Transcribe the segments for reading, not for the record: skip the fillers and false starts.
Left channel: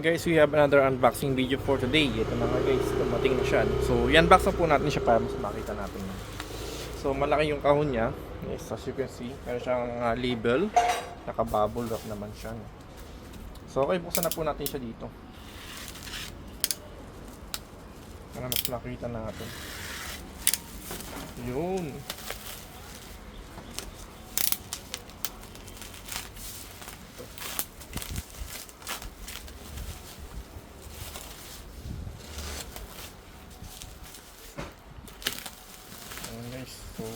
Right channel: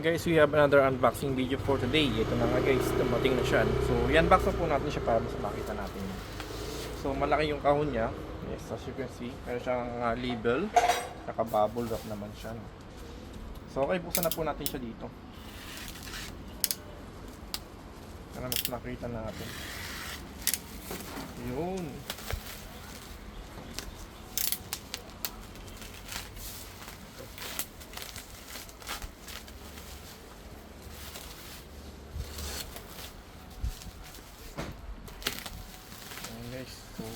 Guys, we have another unboxing video for today. Ito na nga guys, dumating na siya. So, i-unbox na po natin siya para mas makita natin. So, malaki yung kahon niya. Yes, as you can see, meron siyang label. Naka-bubble wrap naman siya. So, okay, buksan na po natin siya dito. Para mas makita natin. Yun. Guys, so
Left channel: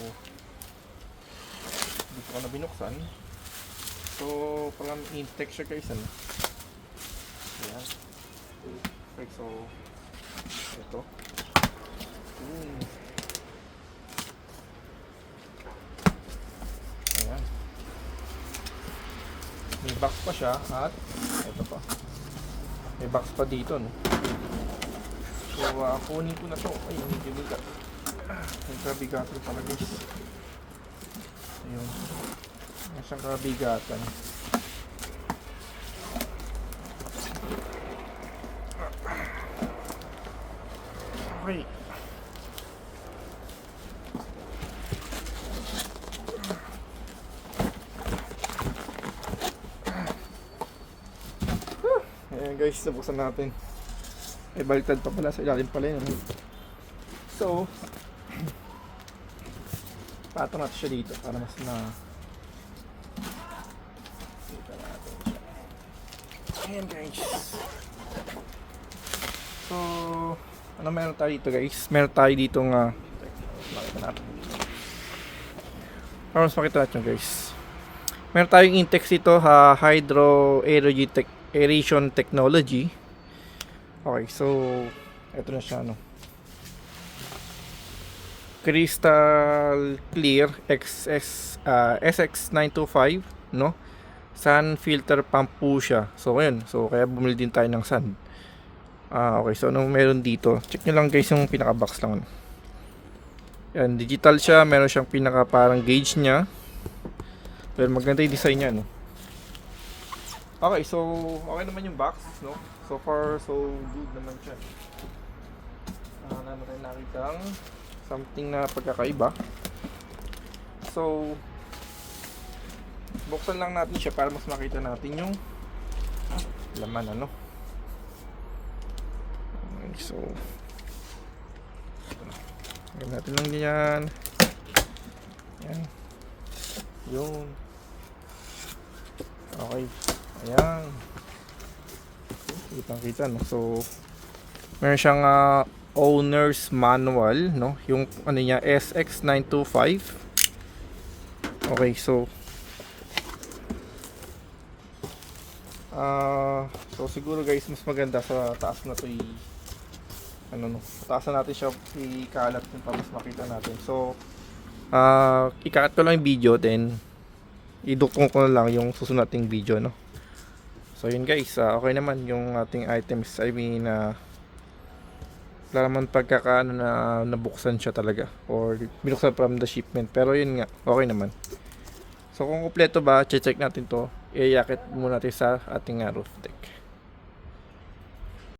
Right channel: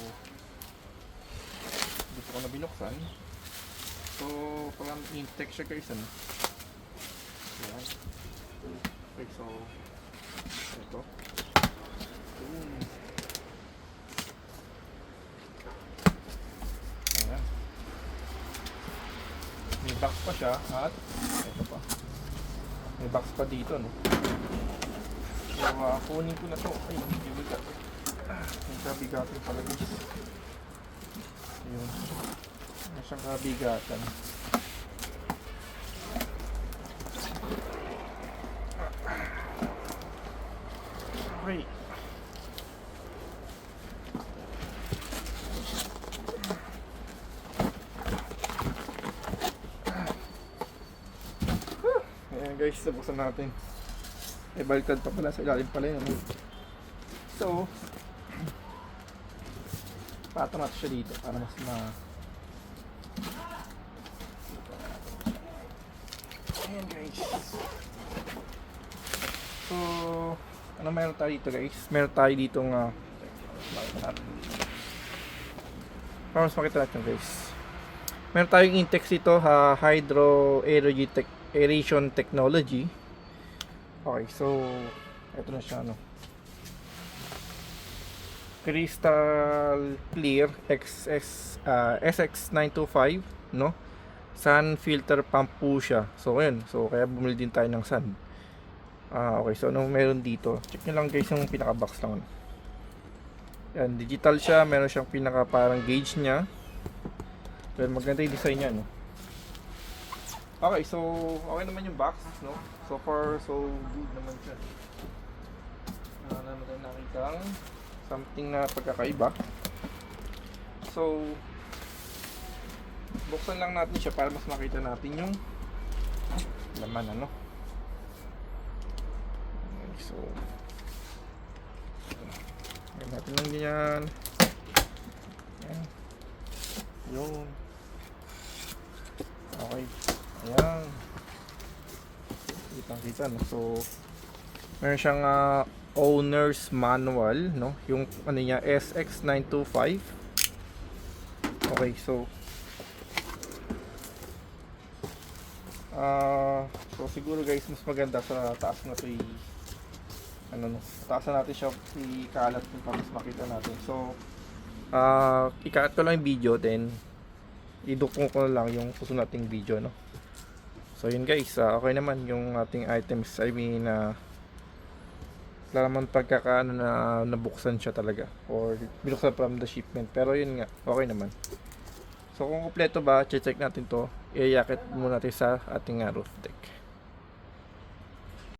dito ko na binuksan. So parang in-tech siya guys, ano? Ayan. Okay, so ito. Ayan. May box pa siya at ito pa. May box pa dito, no? So kunin ko na to. Ay, ang bibigat. Ang kabigatan pala guys. Ayun. Ang kabigatan. Okay. Ayan guys, nabuksan natin. Ay, baliktad pa pala, sa ilalim pala yun. So, pato natin siya dito para mas ayan guys. So, ano meron tayo dito guys? Meron tayo dito nga para mas makita natin guys. Meron tayong Intex dito, Hydro Aeration Technology. Okay, so ito na siya, no? Crystal Clear SX925, no? Sun filter pump po siya. So ayun, so kaya bumili din tayo ng sun. Okay, so ano meron dito? Check nyo lang guys yung pinaka box lang. Yan, digital siya, meron siyang pinaka parang gauge niya. Pero maganda yung design niya, no? Okay, so okay naman yung box, no? So far so good naman siya. Naman nakita something na pagkakaiba. So buksan lang natin siya para mas makita natin yung laman, ano. Okay, so gawin natin lang yan. Yan. Yung okay. Ayan. Kitang kita, no? So meron siyang owner's manual, no? Yung ano niya, SX925. Okay, so so siguro guys mas maganda sa taas na to ano, no? Taasan natin siya ikalat kung para mas makita natin. So ikakat ko lang yung video, then idukong ko na lang yung susunod nating video, no? So yun guys, okay naman yung ating items. I mean, wala naman pagkakaano na nabuksan siya talaga or binuksan from the shipment, pero yun nga, okay naman. So kung kumpleto ba, check natin to, iayakit muna natin sa ating roof deck.